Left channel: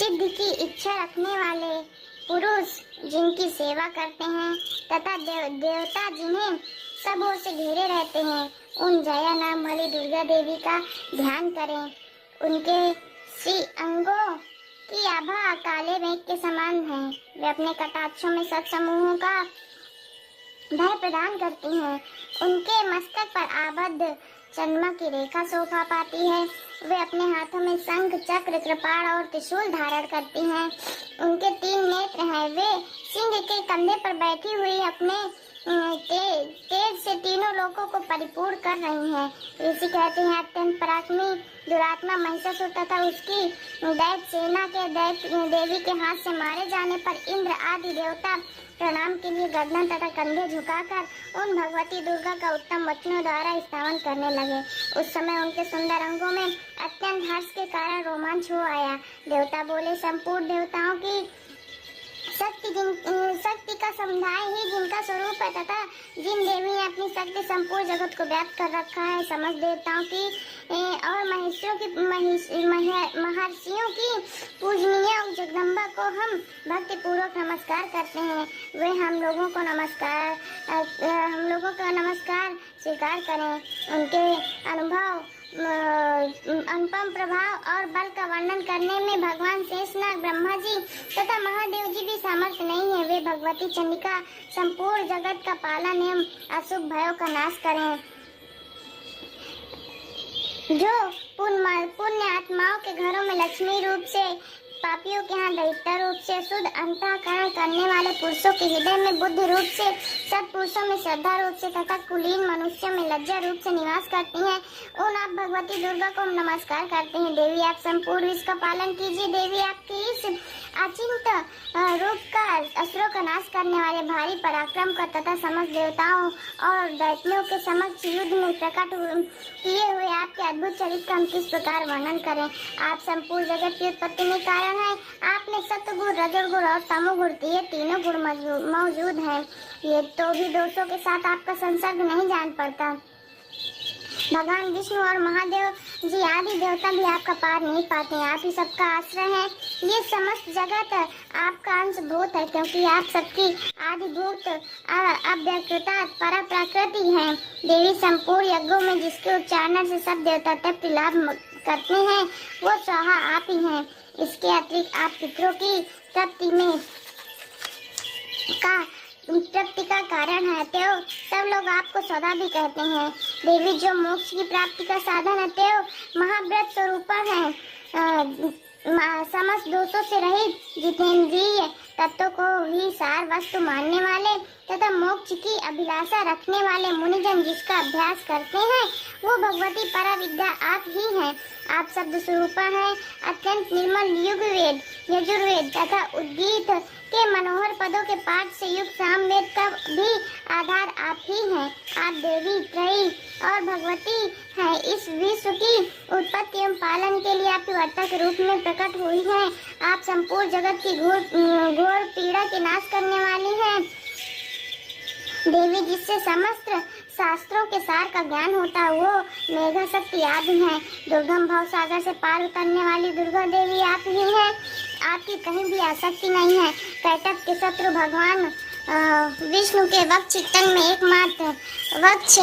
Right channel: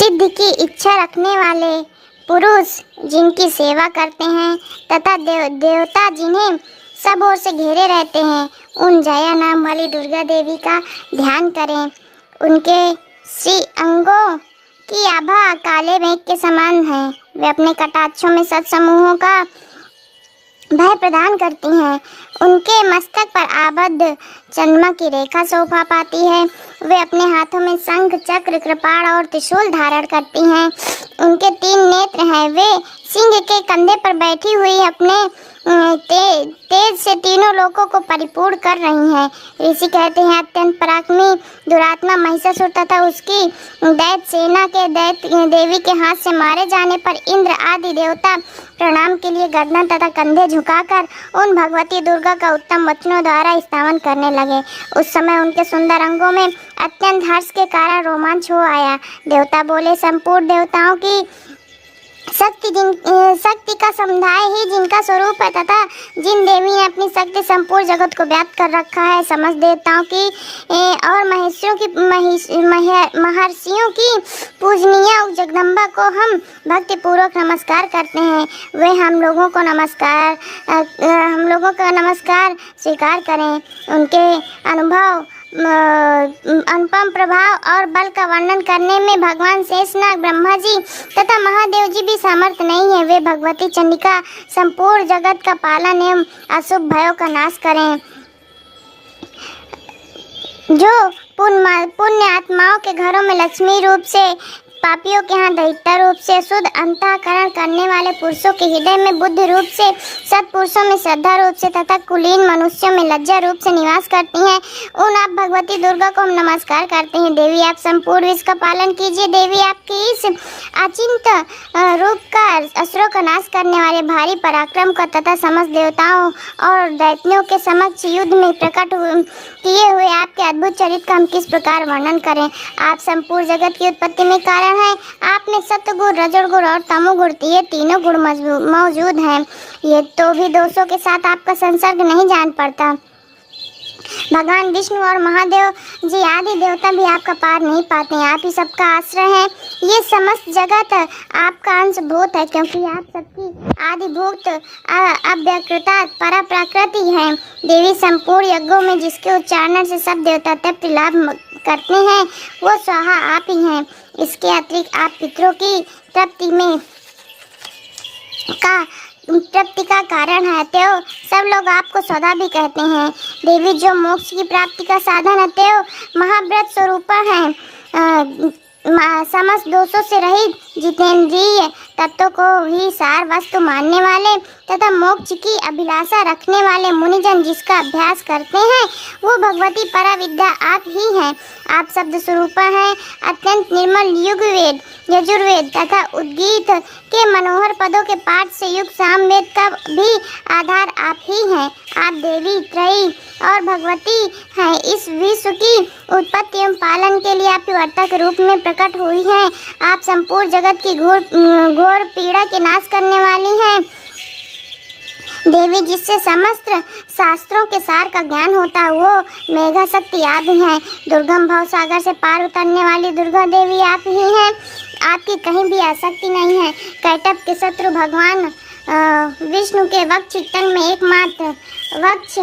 सिद्धि की इच्छा रखने वाले पुरुष जिनकी सेवा करते हैं तथा देवता जिन्हें सब ओर से घेरे रहते हैं, उन जया नाम वाली दुर्गा देवी का ध्यान करें। उनके श्री अंगों की आभा काले मेघ के समान है। वे अपने कटाक्षों में सत्समूहों का भय प्रदान करती हैं। उनके मस्तक पर आबद्ध चंद्रमा की रेखा शोभा पाती है। वे अपने हाथों में शंख, चक्र, कृपाण और त्रिशूल धारण करती हैं। उनके 3 नेत्र हैं। वे सिंह के कंधे पर बैठी हुई अपने तेज से तीनों लोकों को परिपूर्ण कर रही हैं। ऋषि कहते हैं अत्यंत पराक्रमी दुरात्मा महिषासुर तथा उसकी दैत्य सेना के दैत्य देवी के हाथ से मारे जाने पर इंद्र आदि देवता प्रणाम के लिए गर्दन तथा कंधे झुकाकर उन भगवती दुर्गा का उत्तम वचनों द्वारा स्तवन करने लगे। उस समय उनके सुंदर अंगों में अत्यंत हर्ष के कारण रोमांच हो आया। देवता बोले, संपूर्ण देवताओं की शक्ति का समुदाय ही जिनका स्वरूप है तथा जिन देवी ने अपनी शक्ति संपूर्ण जगत को व्याप्त कर रखा है, समस्त देवताओं की और महर्षियों की पूजनीय जगदम्बा को हम भक्ति पूर्वक नमस्कार करते हैं। वे हम लोगों का नमस्कार स्वीकार करें। उनके अनुपम प्रभाव और बल का वर्णन करने में भगवान शेषनाग, ब्रह्मा जी तथा महादेव जी भी समर्थ नहीं है। वे भगवती चंडिका संपूर्ण जगत का पालन एवं अशुभ भयों का नाश करें। जो पुण्य आत्माओं के घरों में लक्ष्मी रूप से, पापियों के यहाँ दैत्य रूप से, शुद्ध अंतःकरण करने वाले पुरुषों के हृदय में बुद्धि रूप से, सत्पुरुषों में श्रद्धा रूप से तथा कुलीन मनुष्यों में लज्जा रूप से निवास करती हैं, उन आप भगवती दुर्गा को हम नमस्कार करते हैं। देवी आप संपूर्ण विश्व का पालन कीजिए। देवी आपकी इस अचिंत रूप का असुरों का नाश करने वाले भारी पराक्रम का तथा समस्त देवताओं और दैत्यों के समक्ष युद्ध में प्रकट किए हुए आपके अद्भुत चरित्र का हम किस प्रकार वर्णन करें। आप संपूर्ण जगत की उत्पत्ति में कारण है। आपने सत्गुण, रजोगुण और तमोगुण, ये तीनों गुण मौजूद हैं। ये तो भी दोषों के साथ आपका संसर्ग नहीं जान पड़ता। भगवान विष्णु और महादेव जी आदि देवता भी आपका पार नहीं पाते हैं। आप ही सबका आश्रय हैं। ये समस्त जगत आपका अंशभूत है, क्योंकि आप सबकी आदिभूत अव्यकृता परा प्रकृति है। देवी संपूर्ण यज्ञों में जिसके उच्चारण से सब देवता तृप्ति लाभ करते हैं, वो स्वाहा आप ही हैं। इसके अतिरिक्त आप पितरों की तृप्ति का कारण है, तो सब लोग आपको सदा भी कहते हैं। देवी जो मोक्ष की प्राप्ति का साधन है, तो महाव्रत स्वरूप है। समस्त दोषों से रहित जितेंद्रिय तत्वों को ही सार वस्तु मानने वाले तथा मोक्ष की अभिलाषा रखने वाले मुनिजन जिसका अभ्यास करते हैं, वो भगवती परा विद्या आप ही हैं। आप शब्द स्वरूप हैं। अत्यंत निर्मल युगवेद, यजुर्वेद तथा उद्गीत के मनोहर पदों के पाठ से युक्त सामवेद का भी आधार आप ही हैं। आप देवी, त्रयी और भगवती हैं। इस विश्व की उत्पत्ति एवं पालन के लिए आप वर्ता के रूप में प्रकट हुई हैं। आप संपूर्ण जगत की घोर पीड़ा के नाश करने वाली हैं। देवी जिससे समस्त शास्त्रों के सार का ज्ञान होता है, वो मेघा शक्ति आप ही हैं। दुर्गम भव सागर से पार उतरने वाली दुर्गा देवी आप ही हैं। आपकी कहीं भी आसक्ति नहीं है। कैटभ के शत्रु भगवान विष्णु के वक्ष चित्तन में एकमात्र वक्ष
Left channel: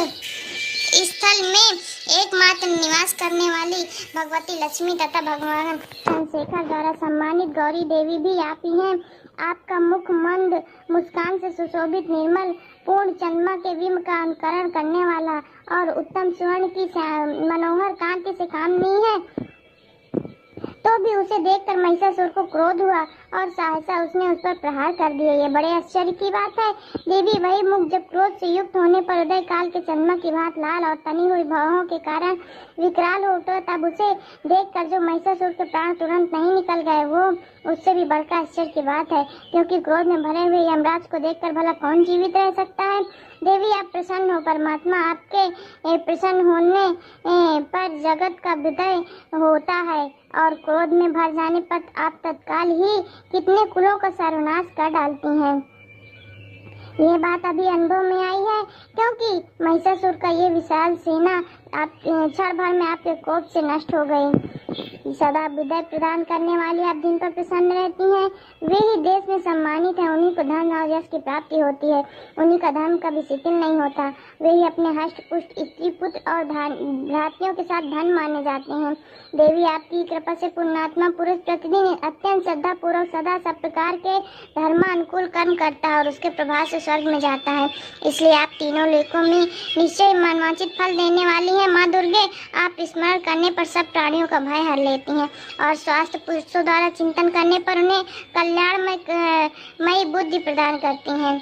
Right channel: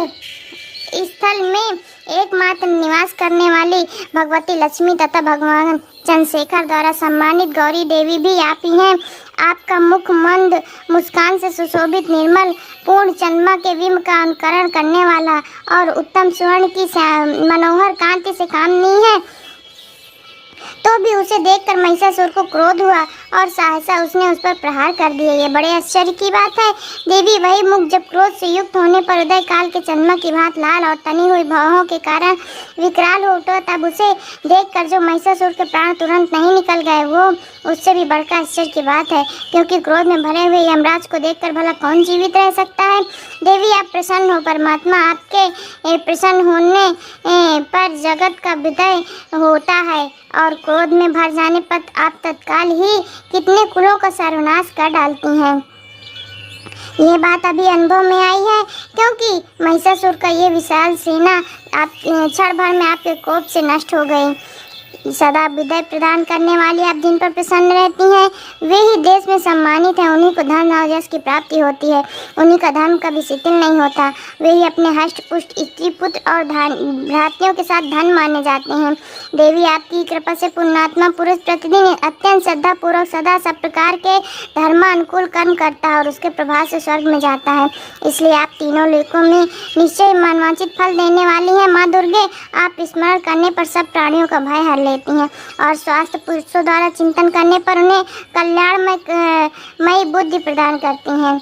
स्थल में एकमात्र निवास करने वाली भगवती लक्ष्मी तथा भगवान चंद्रशेखर द्वारा सम्मानित गौरी देवी भी आप ही हैं। आपका मुख मंद मुस्कान से सुशोभित निर्मल पूर्ण चंद्रमा के बिंब का अनुकरण करने वाला और उत्तम स्वर्ण की मनोहर कांति से काम नहीं है, तो भी उसे देखकर महिषासुर को क्रोध हुआ और सहसा उसने उस पर प्रहार कर दिया। ये बड़े आश्चर्य की बात है। देवी वही मुख जब क्रोध से युक्त होने पर उदय काल के चंद्रमा की भांति लाल और तनी हुई भौहों के कारण विकराल हो उठा, तब उसे देखकर जो महिषासुर के प्राण तुरंत नहीं निकल गए, वो उससे भी बढ़कर आश्चर्य की बात है, क्योंकि क्रोध में भरे हुए यमराज को देखकर भला कौन जीवित रह सकता है। देवी आप प्रसन्न हो। परमात्मा आपके प्रसन्न होने पर जगत का विदय होता है और क्रोध में भर जाने पर आप तत्काल ही कितने कुलों का सर्वनाश कर डालती हैं। ये बात अभी अनुभव में आई है, क्योंकि महिषासुर का ये विशाल सेना आप क्षण भर में आपके कोप से नष्ट हो गई। सदा विजय प्रदान करने वाली आप जिन पर प्रसन्न रहती हैं, वे ही देश में सम्मानित हैं। उन्हीं को धन और यश की प्राप्ति होती है। उन्हीं का धर्म कभी शिथिल नहीं होता। वे ही अपने हष्ट पुष्ट स्त्री पुत्र और भ्रातियों के साथ धन माने जाते हैं। देवी आपकी कृपा से पुण्यात्मा पुरुष प्रतिदिन अत्यंत श्रद्धा पूर्वक सदा सब प्रकार के धर्मानुकूल कर्म करता है और उसके प्रभाव से स्वर्ग में जाता है। इसलिए आप तीनों लोकों में निश्चय मनवांछित फल देने वाली हैं। माँ दुर्गे, आप स्मरण करने पर सब प्राणियों का भय हर लेती हैं और स्वास्थ्य पुरुषों द्वारा चिंतन करने पर उन्हें कल्याणमयी बुद्धि प्रदान करती हैं।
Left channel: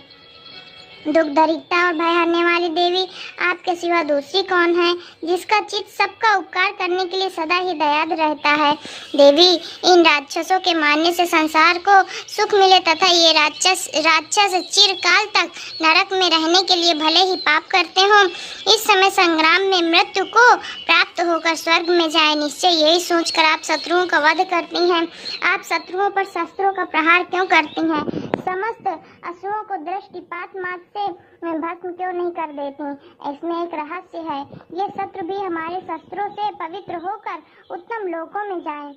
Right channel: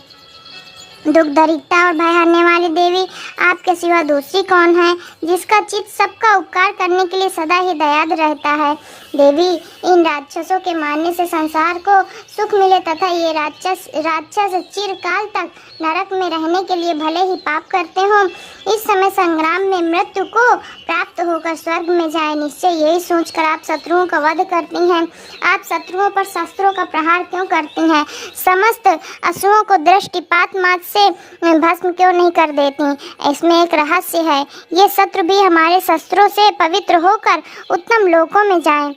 दुख दरिद्रता और भय हरने वाली देवी, आपके सिवा दूसरी कौन है जिसका चित्त सबका उपकार करने के लिए सदा ही दयाद रहता है। देवी, इन राक्षसों के मारने से संसार को सुख मिले तथा ये राक्षस चिरकाल तक नरक में रहने के लिए भले ही पाप करते हों, इस समय संग्राम में मृत्यु को प्राप्त होकर स्वर्ग में जाए, निश्चय यही सोचकर आप शत्रुओं का वध करती हैं। आप शत्रुओं पर शस्त्रों का प्रहार क्यों करती हैं? समस्त असुरों को दृष्टिपात मात्र से भस्म क्यों नहीं कर देती? इसमें एक रहस्य है। ये शत्रु भी हमारे शस्त्रों से पवित्र होकर उत्तम लोकों में जाएं।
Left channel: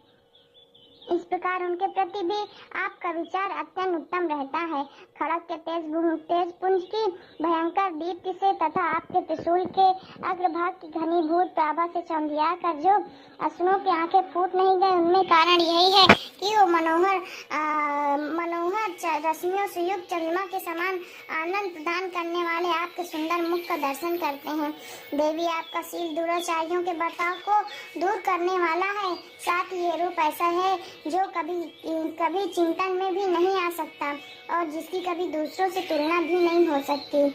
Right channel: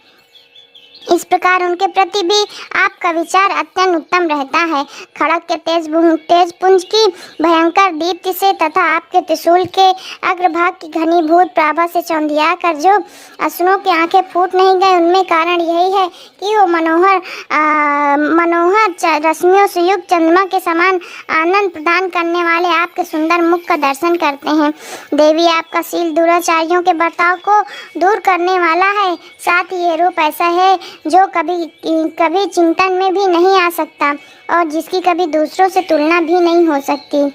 इस प्रकार उनके प्रति भी आपका विचार अत्यंत उत्तम रहता है। खड़ग के तेज पुंज की भयंकर दीप्ति से तथा आपके त्रिशूल के अग्रभाग की घनीभूत प्राभा से चौंधिया कर जो असुरों की आंखें फूट नहीं गए, उनमें कारण यही है कि वो मनोहर रश्मियों से युक्त चंद्रमा के समान आनंद प्रदान करने वाले आपके सुंदर मुख का दर्शन करते हैं। देवी, आपका शील दुराचारियों के बर्ताव को दूर करने वाला है। साथ ही ये रूप ऐसा है जो कभी चिंतन में भी नहीं आ सकता और जिसकी कभी दूसरों से तुलना भी नहीं हो सकती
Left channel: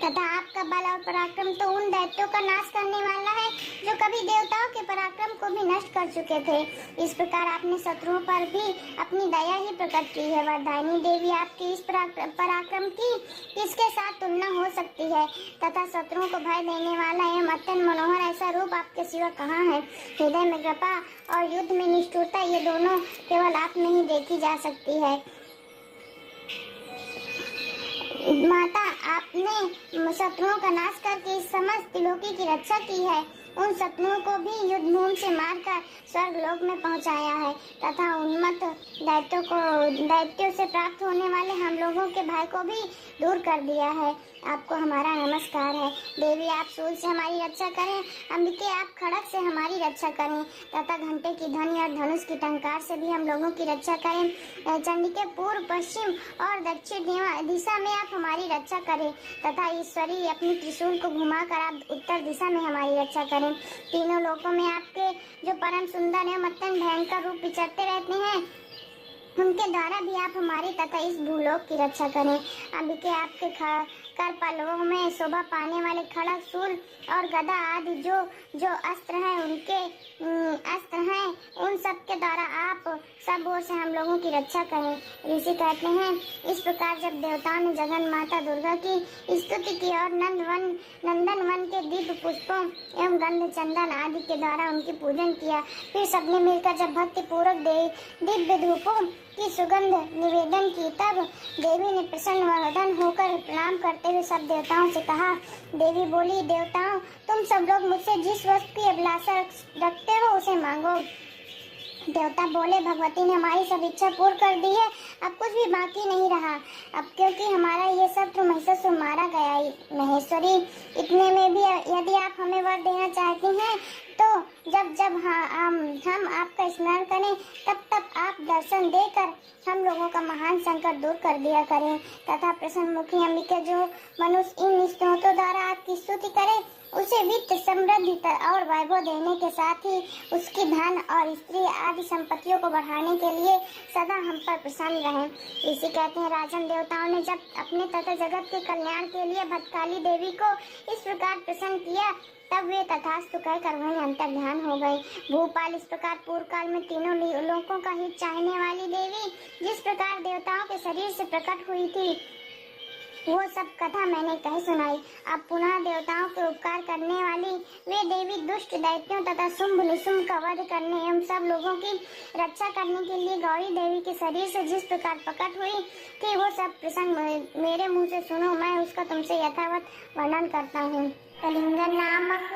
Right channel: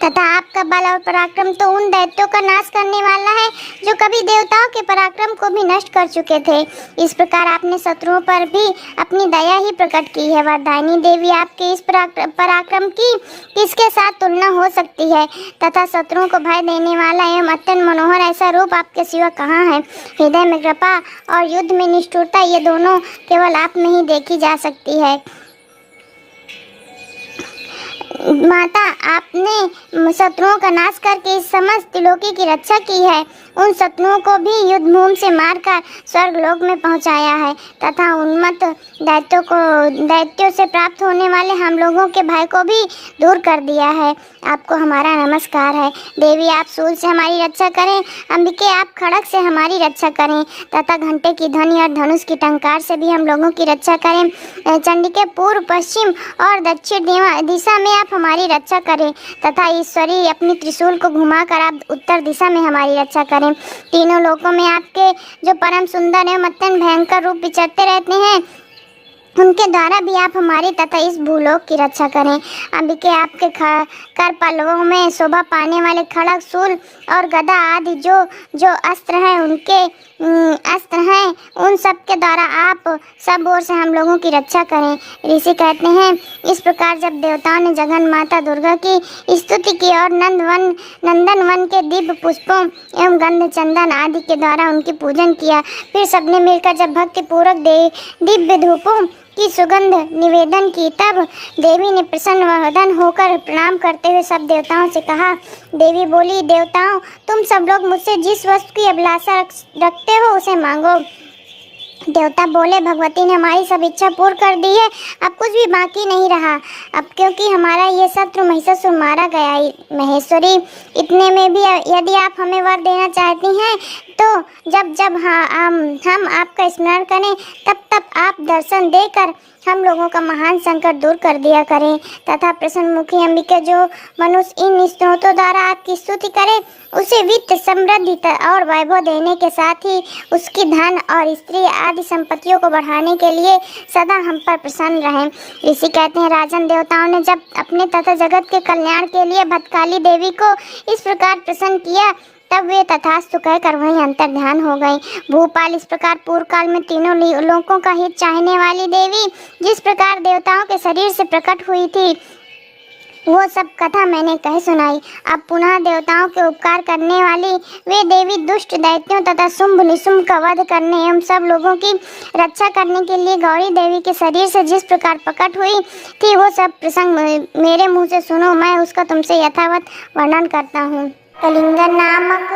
तथा आपका बल और पराक्रम तो उन दैत्यों का नाश करने वाला है जो कभी देवताओं के पराक्रम को भी नष्ट कर चुके थे। इस प्रकार आपने शत्रुओं पर भी अपनी दया ही प्रकट की है। वरदायिनी देवी, आपके इस पराक्रम की किसके साथ तुलना हो सकती है तथा शत्रुओं को भय देने वाला एवं अत्यंत मनोहर ऐसा रूप आपके सिवा कहाँ है? हृदय में कृपा और युद्ध में निष्ठुरता, ये दोनों केवल आप में ही देखी जा सकती है। माता, आपने शत्रुओं का नाश करके इस समस्त त्रिलोकी की रक्षा की है। उन शत्रुओं को भी युद्ध भूमि से मारकर स्वर्गलोक में पहुंचाया है तथा उन्मत्त दैत्यों से प्राप्त होने वाले हम लोगों के भय को भी दूर कर दिया है। आपको हमारा नमस्कार है। देवी, आप सूल से हमारी रक्षा करें। अंबिके, आप खड़ग से हमारी रक्षा करें तथा घंटे की ध्वनि और धनुष की टंकार से भी हम लोगों की रक्षा करें। चंडिके, पूर्व पश्चिम और दक्षिण दिशा में आप हमारी रक्षा करें तथा ईश्वरी अपनी त्रिशूल को घुमाकर आप उत्तर दिशा में हमारी रक्षा करें। तीनों लोकों में आपके जो परम सुंदर एवं अत्यंत भयंकर रूप विचरते रहते हैं, उनके द्वारा भी आप हमारी तथा इस भूलोक की रक्षा करें। अंबिके, आपके कर पल्लवों में शोभा पाने वाले खड़ग, शूल और गदा आदि जो अस्त्र हैं, उन सब के द्वारा आप सब ओर से हम लोगों की रक्षा करें। ऋषि कहते हैं, इस प्रकार जब देवताओं ने जगन माता दुर्गा की स्तुति की और नंदन वन के दिव्य पुष्पों एवं गंध चंदन आदि के द्वारा उनकी पूजन किया, फिर सबने मिलकर जब भक्ति पूर्वक दिव्य धूपों की सुगंध निवेदन की, तब देवी ने प्रसन्न वदन होकर प्रणाम करते हुए सब देवताओं से कहा। देवी बोली, देवताओं, तुम सब लोग मुझसे जिस वस्तु की अभिलाषा रखते हो उसे मांगो। देवता बोले, भगवती ने हमारी सब इच्छा पूर्ण कर दी है, अब कुछ भी बाकी नहीं रहा। अब क्योंकि हमारा ये शत्रु महिषासुर मारा गया। महेश्वरी, इतने में भी यदि आप हमें वर देना चाहती हैं तो जब हम आपका स्मरण करें तब आप दर्शन देकर हम लोगों का महान संकट दूर कर दिया करें तथा प्रसन्न मुखी अंबिका, जो मनुष्य इन स्त्रोतों द्वारा आपकी स्तुति करे, उसे वित्त समृद्धि और वैभव देने के साथ ही उसकी धन और स्त्री आदि संपत्तियों को बढ़ाने के लिए सदा हम पर प्रसन्न रहें। ऋषि कहते हैं, राजन, देवताओं ने जब अपने तथा जगत के कल्याण के लिए भद्रकाली देवी को इस प्रकार प्रसन्न किया, तब वे तथास्तु कहकर वहीं अंतर ध्यान हो गई। भूपाल, इस प्रकार पूर्व काल में तीनों लोकों का हित चाहने वाली देवी जिस प्रकार देवताओं के शरीर से प्रकट हुई थी, वो सब कथा मैंने कह सुनाई। अब पुनः देवताओं के उपकार करने वाली वे देवी दुष्ट दैत्यों तथा शुंभ निशुंभ का वध करने एवं सब लोगों की रक्षा करने के लिए गौरी देवी के शरीर से जिस प्रकार प्रकट हुई थी, वो सब प्रसंग मेरे मुँह से सुनो, मैं उसका तुमसे यथावत वर्णन करता हूँ। कलिंग नामक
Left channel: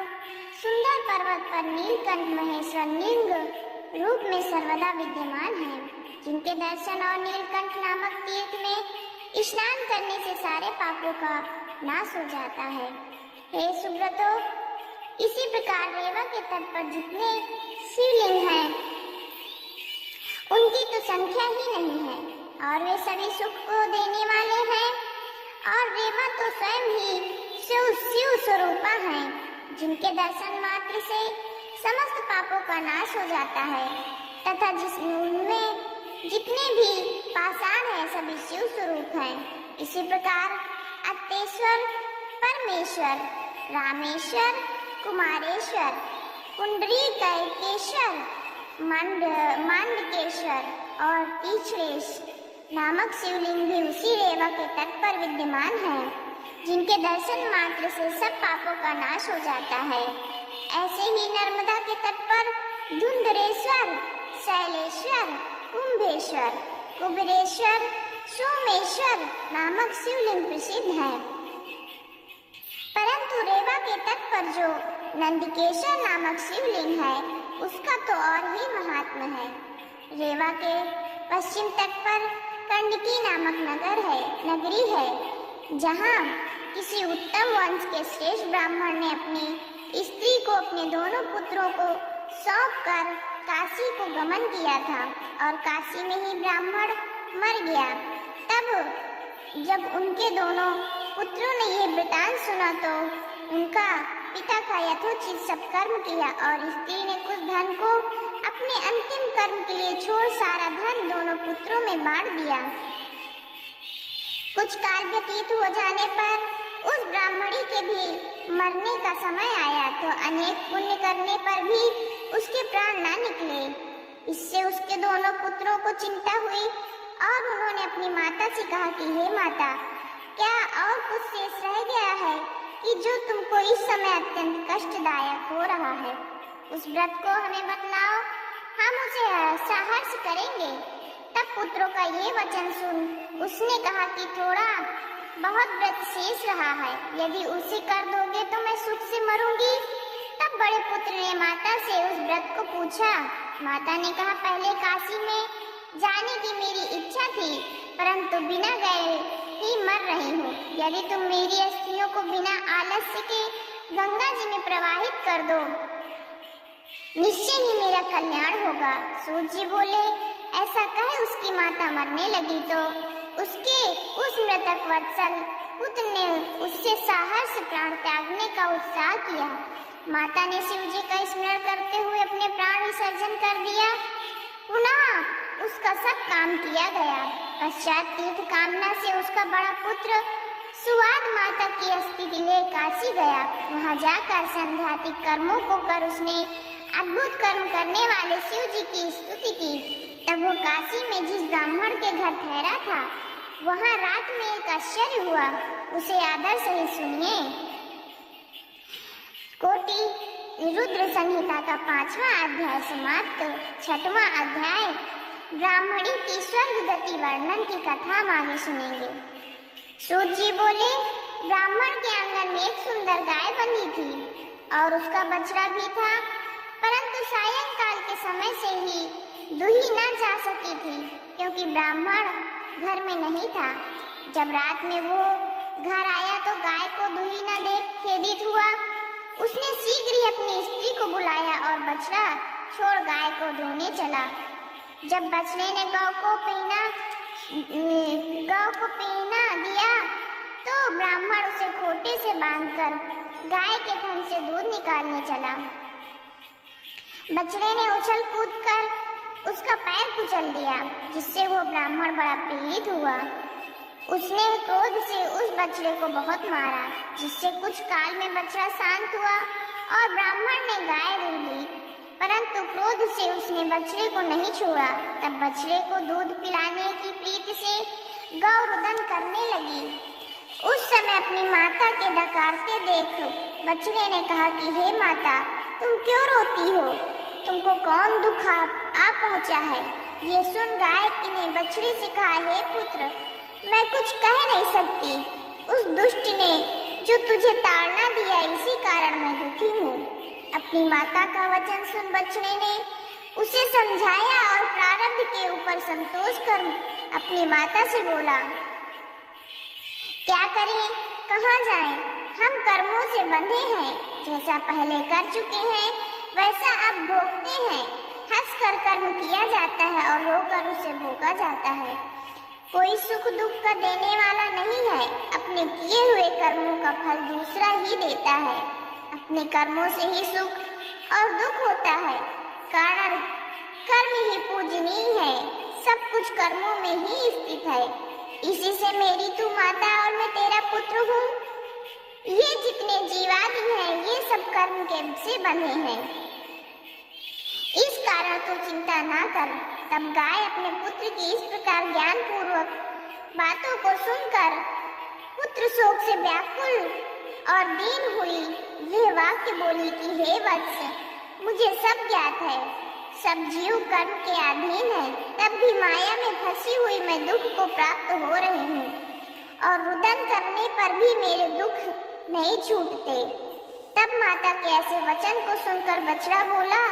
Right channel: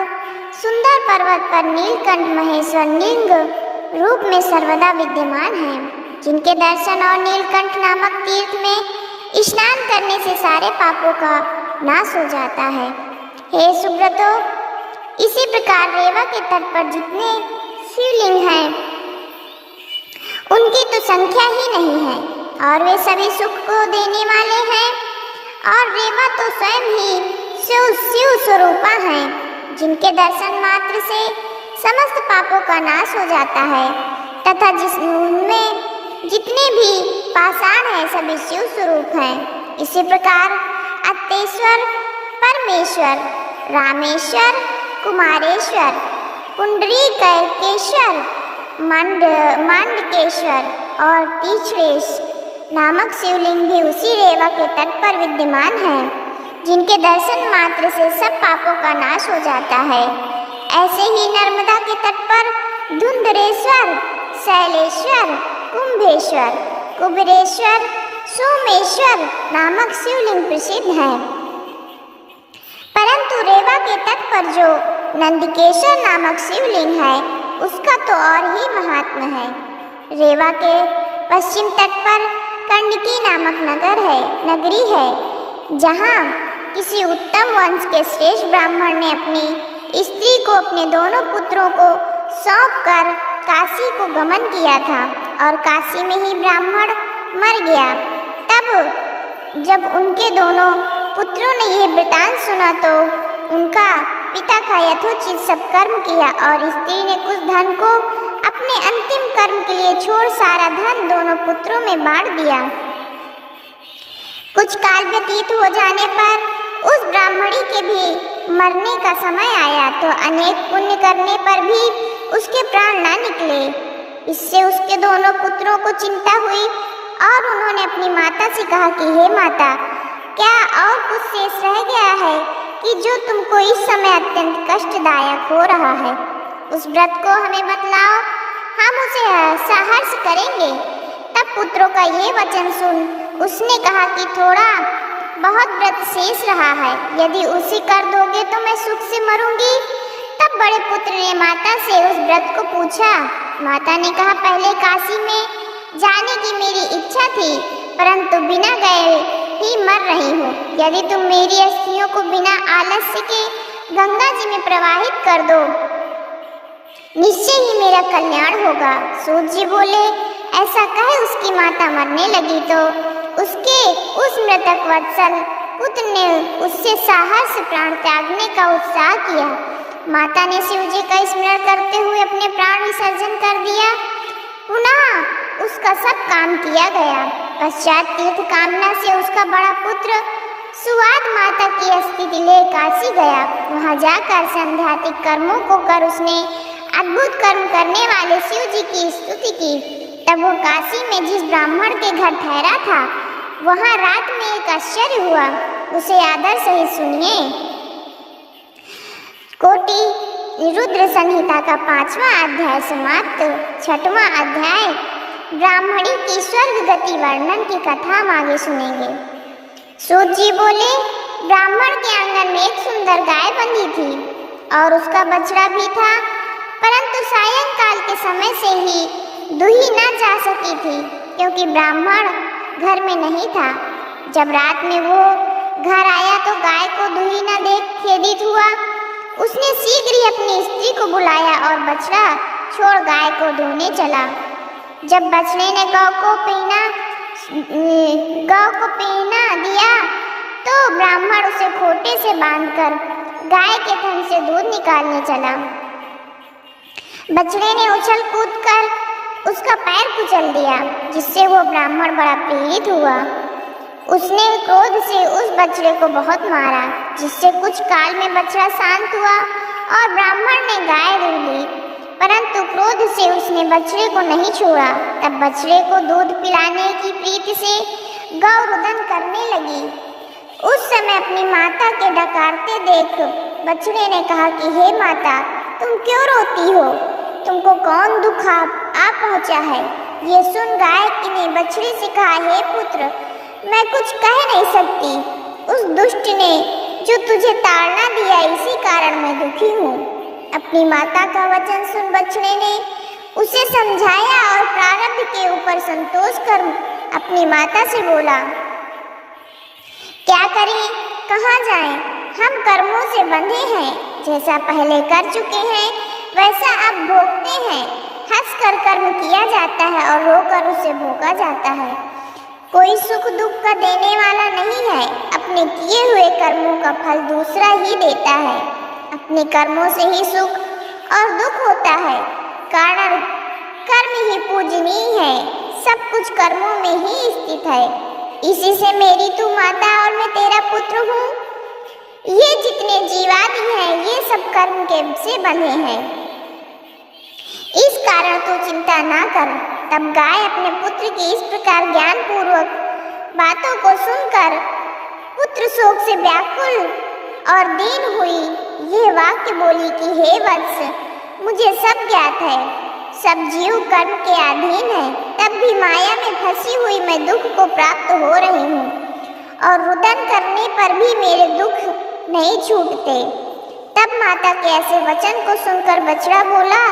सुंदर पर्वत पर नीलकंठ महेश्वर लिंग रूप में सर्वदा विद्यमान है, जिनके दर्शन और नीलकंठ नामक तीर्थ में स्नान करने से सारे पापों का नाश हो जाता है। हे सुब्रतो, इसी प्रकार रेवा के तट पर जितने शिवलिंग हैं उनकी तो संख्या ही नहीं है और वे सभी सुख को देने वाले हैं, और रेवा तो स्वयं ही शिव स्वरूपा हैं, जिनके दर्शन मात्र से समस्त पापों का नाश हो जाता है तथा उनमें जितने भी पाषाण हैं सभी शिव स्वरूप हैं। इसी प्रकार अत्तेश्वर, परमेश्वर, रामेश्वर, कुमारेश्वर, पुंडरीकेश्वर, मांडकेश्वर और तीर्थेश नामक शिवलिंग भी उसी रेवा के तट पर विद्यमान हैं, जिनके दर्शन मात्र से सब पापों का नाश हो जाता है। ऐसे ही नर्मदा के तट पर धुंधरेश्वर, शैलेश्वर, कुंभेश्वर, कुबेरेश्वर, सोमेश्वर नामक शिवलिंग प्रसिद्ध हैं। परंतु रेवा के तट पर जो नंदिकेश्वर नामक शिवलिंग है उसका तो और ही महात्म्य है। रेवा के पश्चिम तट पर कंडकी नामक नगरी है, जहाँ किसी उत्तम वंश के श्रेष्ठ ब्राह्मण ने अपनी स्त्री को अपने दोनों पुत्रों को सौंपकर काशी को गमन किया था और काशी में ही ब्राह्मण मर गया। तब जब उनके दोनों पुत्रों ने यह वृतांत सुना तो उनका पिता का यथोचित सब कर्म किया और स्त्री ने कुछ धन को अपने अंतिम कर्म के लिए छोड़ सारा धन दोनों पुत्रों में बांट दिया। कुछ काल व्यतीत हो जाने पर उस ब्राह्मणी के भी मरने का समय आया तो अनेक पुण्य करने पर भी उसके प्राण न निकले। इससे उसके दोनों पुत्रों को चिंता हुई और उन्होंने अपनी माता से कहा कि हे माता, क्या और कुछ शेष रह गया है कि जो तुमको इस समय अत्यंत कष्टदायक हो रहा है? उस व्रत को हमें बतलाओ, हम उसे सहर्ष करेंगे। तब पुत्रों का ये वचन सुन उसने कहा कि थोड़ा बहुत व्रत शेष रहा है, यदि उसे कर दोगे तो मैं सुख से मरूंगी। तब बड़े पुत्र ने माता से उस व्रत को पूछा। माता ने कहा, पहले काशी में जाने की मेरी इच्छा थी, परंतु बिना गए ही मर रही हूँ। यदि तुम मेरी अस्थियों को बिना आलस्य के गंगा जी में प्रवाहित कर दो, निश्चय ही मेरा कल्याण होगा। सूत जी बोले। ऐसा कहे उसकी माता मरने लगी तो उसके उस मृतक वत्सल पुत्र ने उससे साहस प्राण त्यागने का उत्साह किया। माता ने शिव जी का स्मरण करते हुए अपने प्राण विसर्जन कर दिया। पुनः उसका सब काम किया गया। पश्चात तीर्थ कामना से उसका बड़ा पुत्र सुवाद माता की स्थिति ले काशी गया। वहां जाकर संध्यातिक कर्मों को कर उसने अद्भुत कर्म करने वाले शिव जी की स्तुति की। तब वो काशी में जिस ब्राह्मण के घर ठहरा था वहां रात में एक आश्चर्य हुआ, उसे आदर सहित सुनिए। कोटि रुद्र संहिता का 5वां अध्याय समाप्त। 6वां अध्याय ब्राह्मणी की स्वर्ग गति वर्णन की कथा हम आगे सुनेंगे। सूत जी बोले, ब्राह्मण के आंगन में एक सुंदर गाय बंधी थी और उसका बछड़ा भी था, परंतु सायंकाल के समय से ही दुही न जा सकी थी क्योंकि ब्राह्मण घर में नहीं था। जब रात में वो घर आया तो गाय को दुही न देख खेदित हुआ। उसने शीघ्र ही अपनी स्त्री को बुलाया और बछड़ा छोड़ गाय को ढूंढने चला। जब बछड़े ने गौ को पीना दिया तो ब्राह्मण उसे खोटे से बांधकर गाय के थन से दूध निकालने चला। बछड़े ने उछल कूद कर उसका पैर कुचल दिया, जिससे वो ब्राह्मण बड़ा पीड़ित हुआ। उसने क्रोध से उस बछड़े को बहुत मारा, जिससे कुछ काल में बछड़ा शांत हुआ और ब्राह्मण ने गाय दूध ली, परंतु क्रोध से उसने बछड़े को नहीं छोड़ा। तब बछड़े को दूध पिलाने की प्रीति से गौ रुदन करने लगी। उस समय अपनी माता के डकारते देख बछड़े ने कहा कि हे माता, तुम क्यों रोती हो? तुमको कौन दुख आ पहुंचा है? ये सुन गाय ने बछड़ी से कहा, हे पुत्र, मैं कुछ कह नहीं सकती। उस दुष्ट ने जो तुझे ताड़ना दिया, इसी कारण मैं दुखी हूँ। अपनी माता का वचन सुन बछड़े ने उसे समझाया और प्रारब्ध के ऊपर संतोष कर अपनी माता से बोला, क्या करें, कहाँ जाएं? हम कर्मों से बंधे हैं, जैसा पहले कर चुके हैं वैसा अब भोगते हैं। हंस कर कर्म किया जाता है और रोकर उसे भोगा जाता है। कोई सुख दुख का देने वाला नहीं है। अपने किए हुए कर्मों का फल दूसरा ही देता है। अपने कर्मों से ही सुख और दुख होता है। कारण कर्म ही पूजनीय है। सब कुछ कर्मों में ही स्थित है। इसी से मेरी तू माता और मैं तेरा पुत्र हूँ। ये जितने जीवादि हैं ये सब कर्म के से बंधे हैं। इस कारण तू चिंता ना कर। तब गाय अपने पुत्र की इस प्रकार ज्ञान पूर्वक बातों को सुनकर पुत्र शोक से व्याकुल और दीन हुई। यह वाक्य बोली कि हे वत्स, मुझे सब ज्ञात है। सब जीव कर्म के अधीन है। तब भी माया में फंसी हुई मैं दुख को प्राप्त हो रही हूँ और रुदन करने पर भी मेरे दुख नहीं छूटते। तब माता के ऐसे वचन को सुनकर बछड़ा बोला,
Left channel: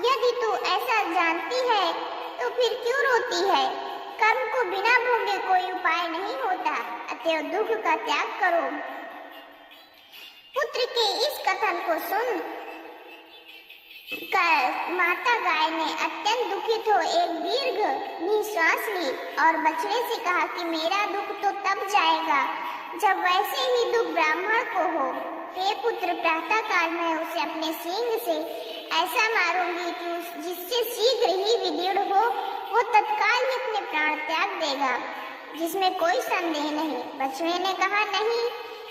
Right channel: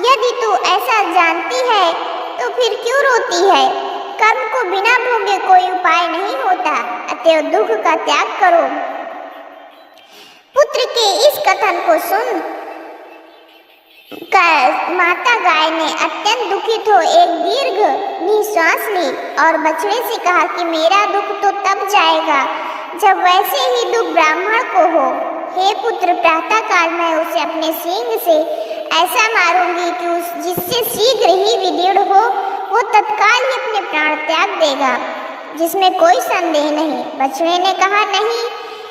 यदि तू ऐसा जानती है तो फिर क्यों रोती है? कर्म को बिना भोगे कोई उपाय नहीं होता, अतएव दुख का त्याग करो। पुत्र के इस कथन को सुन माता गाय ने अत्यंत दुखित हो एक दीर्घ निश्वास ली और बछड़े से कहा कि मेरा दुख तो तब जाएगा जब वैसे ही दुख ब्राह्मण को हो। हे पुत्र, प्रातः काल मैं उसे अपने सींग से ऐसा मारूंगी कि जिससे शीघ्र ही विदीर्ण हो वो तत्काल ही अपने प्राण त्याग देगा, जिसमें कोई संदेह नहीं। बछड़े ने कहा, नहीं,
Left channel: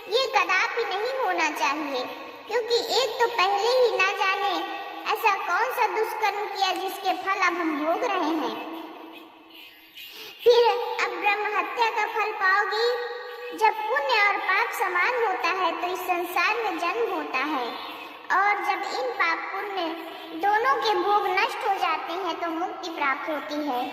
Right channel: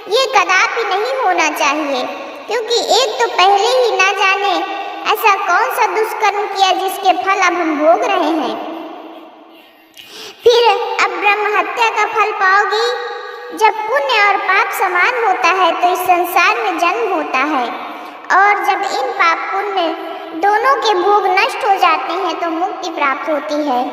ये कदापि नहीं होना चाहिए, क्योंकि एक तो पहले ही ना जाने ऐसा कौन सा दुष्कर्म किया जिसके फल अब हम भोग रहे हैं। फिर अब ब्रह्म हत्या का फल पाओगी। जब पुण्य और पाप समान होता है तो इस संसार में जन्म होता है, और जब इन पाप पुण्य दोनों के भोग नष्ट हो जाते हैं तो मुक्ति प्राप्त होती है।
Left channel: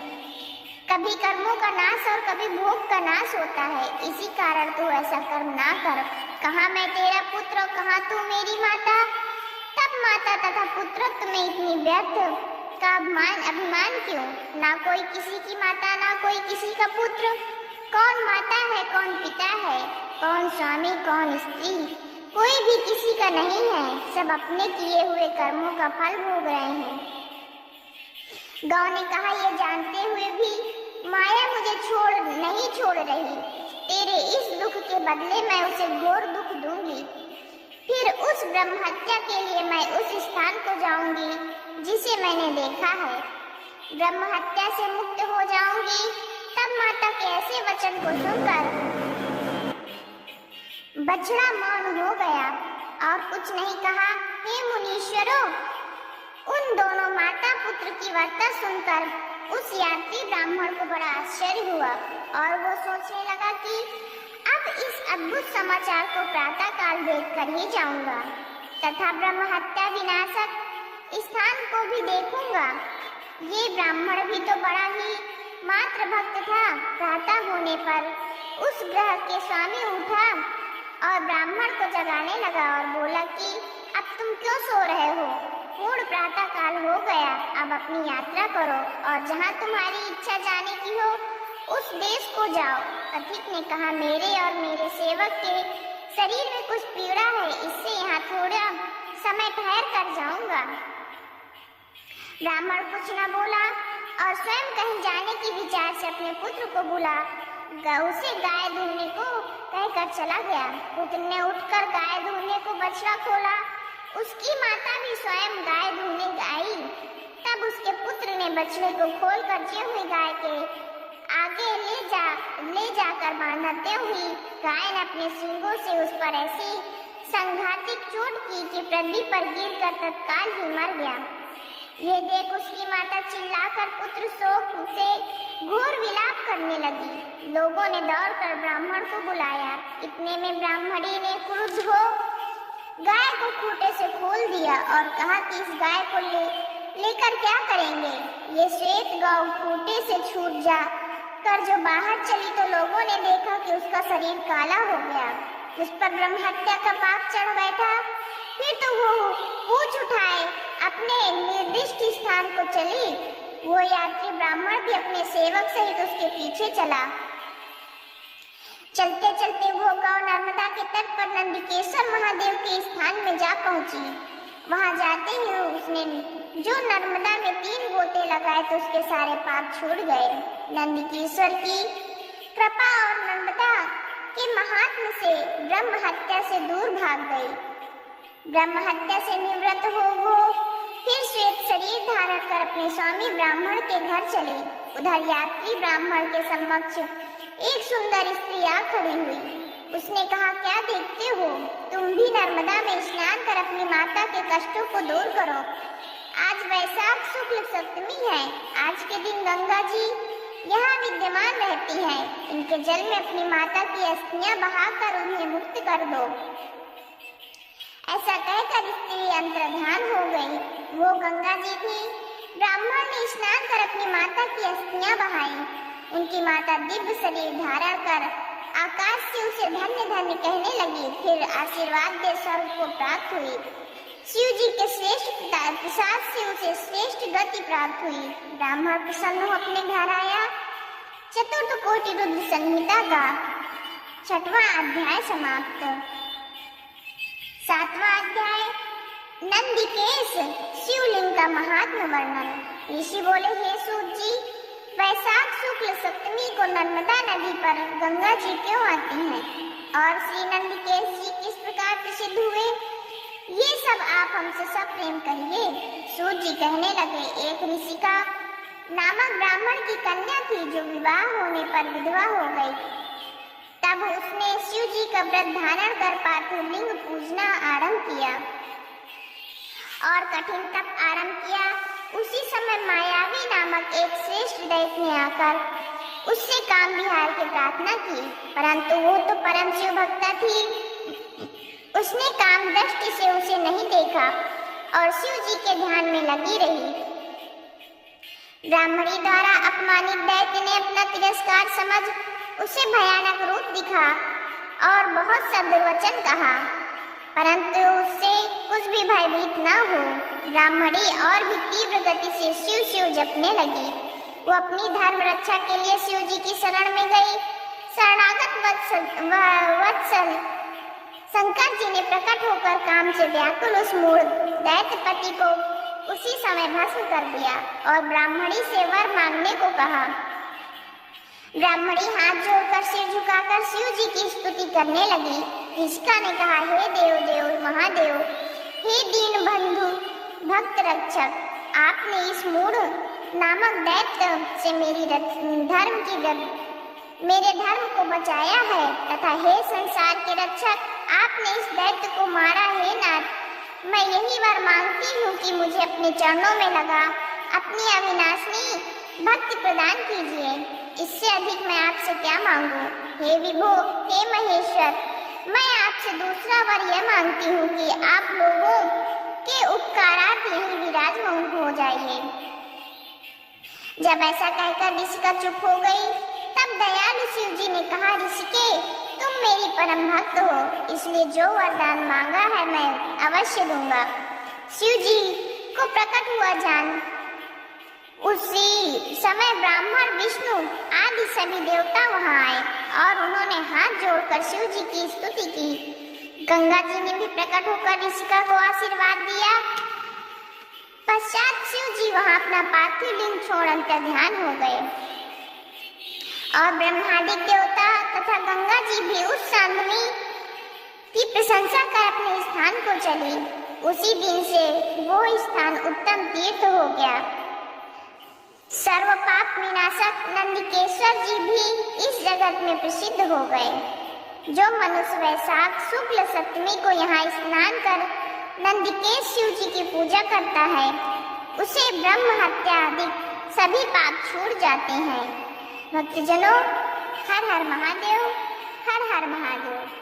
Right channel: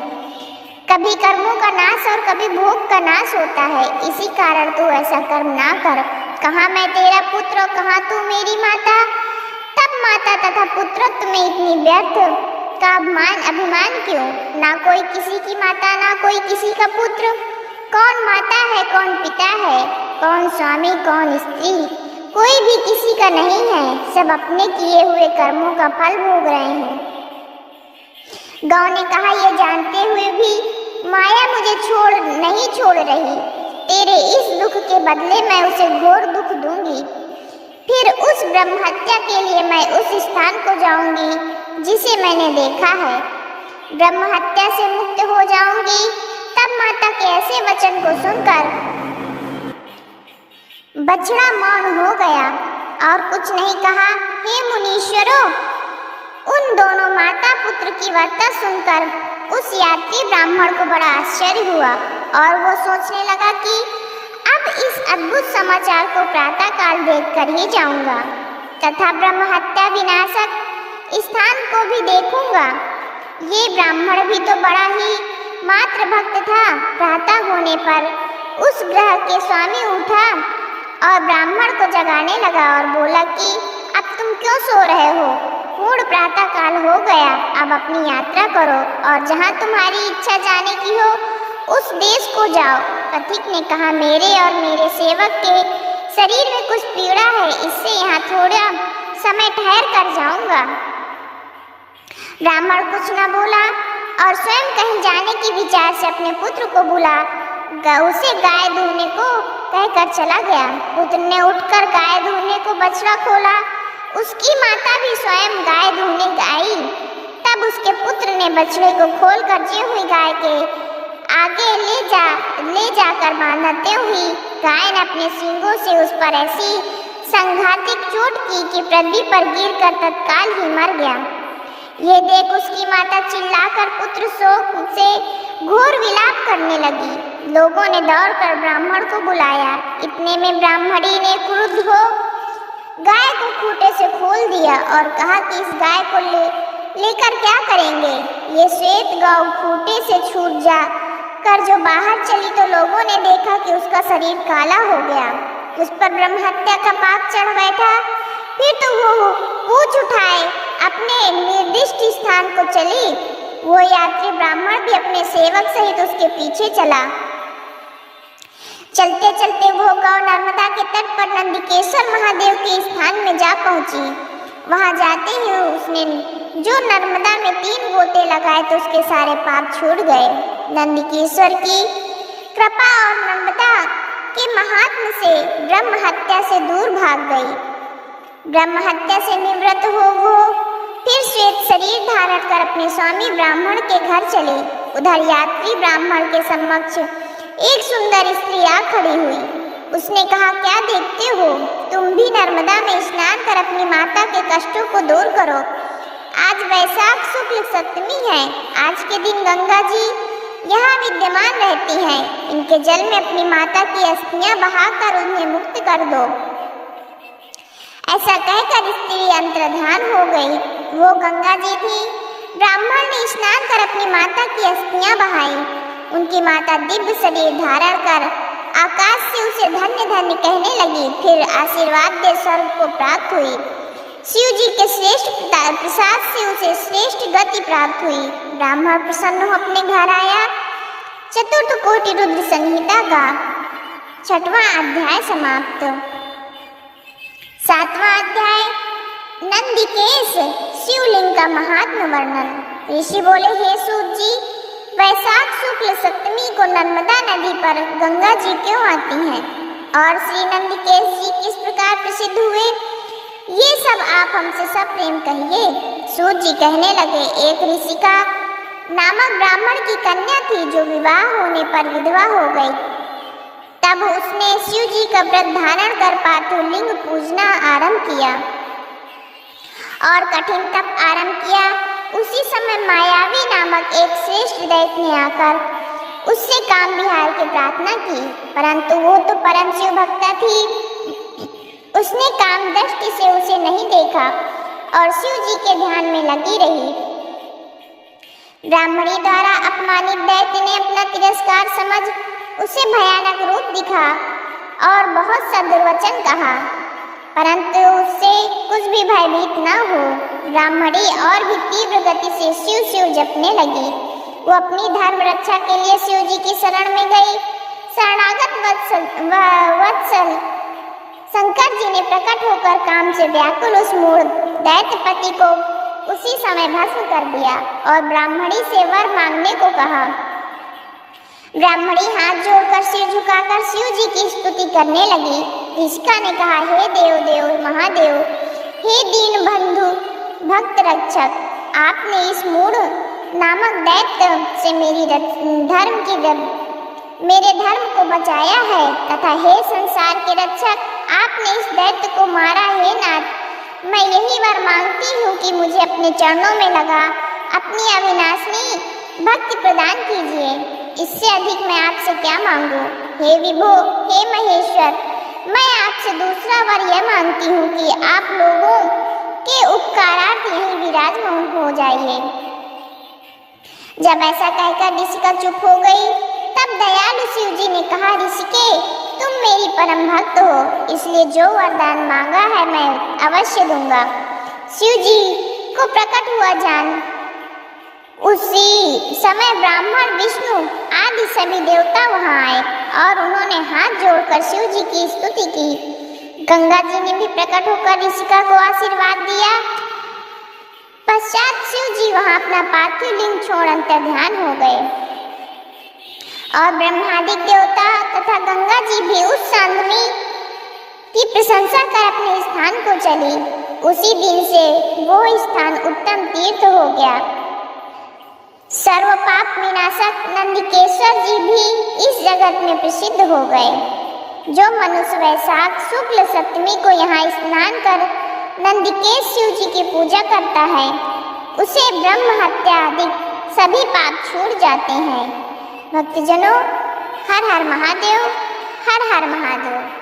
कभी कर्मों का नाश और कभी भोग का नाश होता है। इसी कारण तू ऐसा कर्म ना कर। कहाँ मैं तेरा पुत्र और कहाँ तू मेरी माता? तब माता तथा पुत्रत्व में इतनी व्यर्थ का अभिमान क्यों? ना कोई किसी की माता, ना कोई किसी का पुत्र। कौन माता है, कौन पिता है, कौन स्वामी, कौन स्त्री? कोई भी किसी का नहीं है। सब अपने किए हुए कर्मों का फल भोग रहे हैं। गौ ने कहा, यह जानते हुए भी माया मुझे नहीं छोड़ रही। तेरे इस दुख के बदले मैं उसे घोर दुख दूंगी। फिर उस ब्रह्म हत्या के लिए मैं उस स्थान को जाऊंगी जिसे मैंने देखा है। ब्रह्म हत्या से मुक्त हो जाऊंगी। तब माता के ऐसे वचन को सुनकर बछड़ा मौन हो गया और कुछ नहीं कहा। हे मुनीश्वरों, उन दोनों माता पुत्र की वार्ता सुनकर उस यात्री ब्राह्मण को बड़ा आश्चर्य हुआ और वो सोचने लगा कि अब इस अद्भुत समाचार को प्रातः काल देखकर ही जाऊंगा तथा ब्रह्म हत्या विनाशक स्थान को भी देखूंगा। ये ब्राह्मण भी तो बड़ा ही मात्र भक्त था। प्रातः होने पर उस ग्रह के स्वामी उठा और ब्राह्मण को जगाने लगा और बोला कि अब तुम क्यों सो रहे हो? पूर्ण प्रातः काल हो गया, अब अपनी यात्रा करो और जहाँ तुम्हारी इच्छा जाने की हो उस देश को जाओ। पथिक ने कहा, मेरे और मेरे सेवक के शरीर में कुछ पीड़ा है, इससे यहाँ थोड़ा समय ठहर कर जाऊंगा। ब्राह्मण कुछ न बोला और स्वयं कहीं जाने की विचार से अपने पुत्र को बुला उसे गाय दूहने को कहकर चला गया। पुत्र ने उठकर गाय दूहने को बछड़ा खोला। उसकी माता भी स्वयं गाय दूहने आई। तब उसके पुत्र ने बछड़े को खोलकर जी हुई गाय के आगे ले जाकर बांधते हुए गाय ने अपने सींगों से उस पर ऐसी संघातिक चोट की कि पृथ्वी पर गिरकर तत्काल ही मर गया। ये देख उसकी माता चिल्लाकर पुत्र शोक से घोर विलाप करने लगी। लोगों ने दौड़कर ब्राह्मण को बुलाया। इतने में ब्राह्मणी ने क्रुद्ध हो गाय को खूंटे से खोल दिया और कहा कि इस गाय को लेकर क्या करेंगे? ये श्वेत गौ खूंटे से छूट जा कर जो बाहर चली तो लोगों ने देखा कि उसका शरीर काला हो गया। उस पर ब्रह्म हत्या का पाप चढ़ बैठा। फिर तो वो पूछ उठाए अपने निर्दिष्ट स्थान को चली। वो यात्री ब्राह्मण भी अपने सेवक सहित उसके पीछे चला। चलते चलते वो गौ नर्मदा के तट पर नंदिकेश्वर महादेव के स्थान में जा पहुंची। वहां जाते ही उसने जो नर्मदा में 3 गोते लगाए तो उसके सारे पाप छूट गए। नंदिकेश्वर की कृपा और नर्मदा के महात्म से ब्रह्म हत्या से दूर भाग गई। ब्रह्म हत्या से निवृत्त हो वो फिर श्वेत शरीर धारण कर अपने स्वामी ब्राह्मण के घर चली। उधर यात्री ब्राह्मण के समक्ष एक सुंदर स्त्री आ खड़ी हुई। उसने कहा, क्या देखते हो? तुम भी नर्मदा में स्नान कर अपनी माता के कष्टों को दूर करो। आज वैशाख शुक्ल सप्तमी है। आज के दिन गंगा जी यहाँ विद्यमान रहती हैं। इनके जल में अपनी माता की अस्थियां बहाकर उन्हें मुक्त कर दो। ऐसा कहकर स्त्री अंतर्धान हो गई। वो गंगा जी थी। ब्राह्मण ने स्नान कर अपनी माता की अस्थियां बहाई। उनकी माता दिव्य शरीर धारण कर आकाश से उसे धन्य धन्य कहने लगी। फिर आशीर्वाद दे स्वर्ग को प्राप्त हुई। शिव जी के श्रेष्ठ प्रसाद से उसे श्रेष्ठ गति प्राप्त हुई। ब्राह्मण प्रसन्न हो अपने घर आया। चतुर्थ कोटि रुद्र संहिता का 6वां अध्याय समाप्त। 7वां अध्याय नंदिकेश शिवलिंग का महात्म वर्णन। ऋषि बोले, हे सूत जी, वैशाख शुक्ल सप्तमी को नर्मदा नदी पर गंगा जी क्यों आती हैं और श्री नंदिकेश जी किस प्रकार प्रसिद्ध हुए, ये सब आप हमसे सप्रेम कहिए। सूत जी कहने लगे, एक ऋषिका नामक ब्राह्मण की कन्या थी जो विवाह होने पर विधवा हो गई। तब उसने शिव जी का व्रत धारण कर पार्थलिंग पूजना आरंभ किया और कठिन तप आरंभ किया। उसी समय मायावी नामक एक श्रेष्ठ दैत्य ने आकर उससे काम विहार की प्रार्थना की, परंतु वो तो परम शिव भक्ता थी। उसने काम दृष्टि से उसे नहीं देखा और शिव जी के ध्यान में लगी रही। ब्राह्मणी द्वारा अपमानित दैत्य ने अपना तिरस्कार समझ उसे भयानक रूप दिखा और बहुत सा दुर्वचन कहा, परंतु उससे कुछ भी भयभीत न हो। ब्राह्मणी और भी तीव्र गति से शिव शिव जपने लगी। वो अपनी धर्म रक्षा के लिए शिव जी की शरण में गई। शरणागत वत्सल शंकर जी ने प्रकट होकर काम से व्याकुल उस मूढ़ दैत्यपति को उसी समय भस्म कर दिया और ब्राह्मणी से वर मांगने को कहा। ब्राह्मणी हाथ जोड़कर सिर झुकाकर शिव जी की स्तुति करने लगी। ऋषिका ने कहा, हे देव देव महादेव, हे दीन बंधु भक्त रक्षक, आपने इस मूढ़ नामक दैत्य से मेरे धर्म को बचाया है तथा हे संसार के रक्षक, आपने इस दैत्य को मारा। हे नाथ, मैं यही वर मांगती हूँ कि मुझे अपने चरणों में लगा अपनी अविनाशनी भक्ति प्रदान कीजिए। इससे अधिक मैं आपसे क्या मांगू? हे विभो, हे महेश्वर, मैं आपसे दूसरा वर यह मांगती हूँ कि आप लोगों के उपकारार्थ यहीं विराजमान हो जाइए। जब ऐसा कहकर ऋषिका चुप हो गई, तब दयालु शिव जी ने कहा, ऋषिके, तुम मेरी परम भक्त हो, इसलिए जो वरदान मांगा है मैं अवश्य दूंगा। शिव जी को प्रकट हुआ जान उसी समय ब्राह्मण, विष्णु आदि सभी देवता वहां आए और उन्होंने हाथ जोड़कर शिव जी की स्तुति की। गंगा जी ने भी प्रकट होकर ऋषिका को आशीर्वाद दिया। पश्चात शिव जी वहां अपना पार्थिव लिंग छोड़ अंतर्ध्यान हो गए और ब्रह्मादिक देवता तथा गंगा जी भी उस सांधनी की प्रशंसा कर अपने स्थान को चली। उसी दिन से वो स्थान उत्तम तीर्थ हो गया। सर्व पाप विनाशक नंदिकेश्वर जी भी इस जगत में प्रसिद्ध हो गए। जो मनुष्य वैशाख शुक्ल सप्तमी को यहाँ स्नान कर नंदिकेश शिव जी की पूजा करता है, उसे ब्रह्म हत्या आदि सभी पाप छूट जाते हैं। भक्तजनों, हर हर महादेव, हर हर महादेव।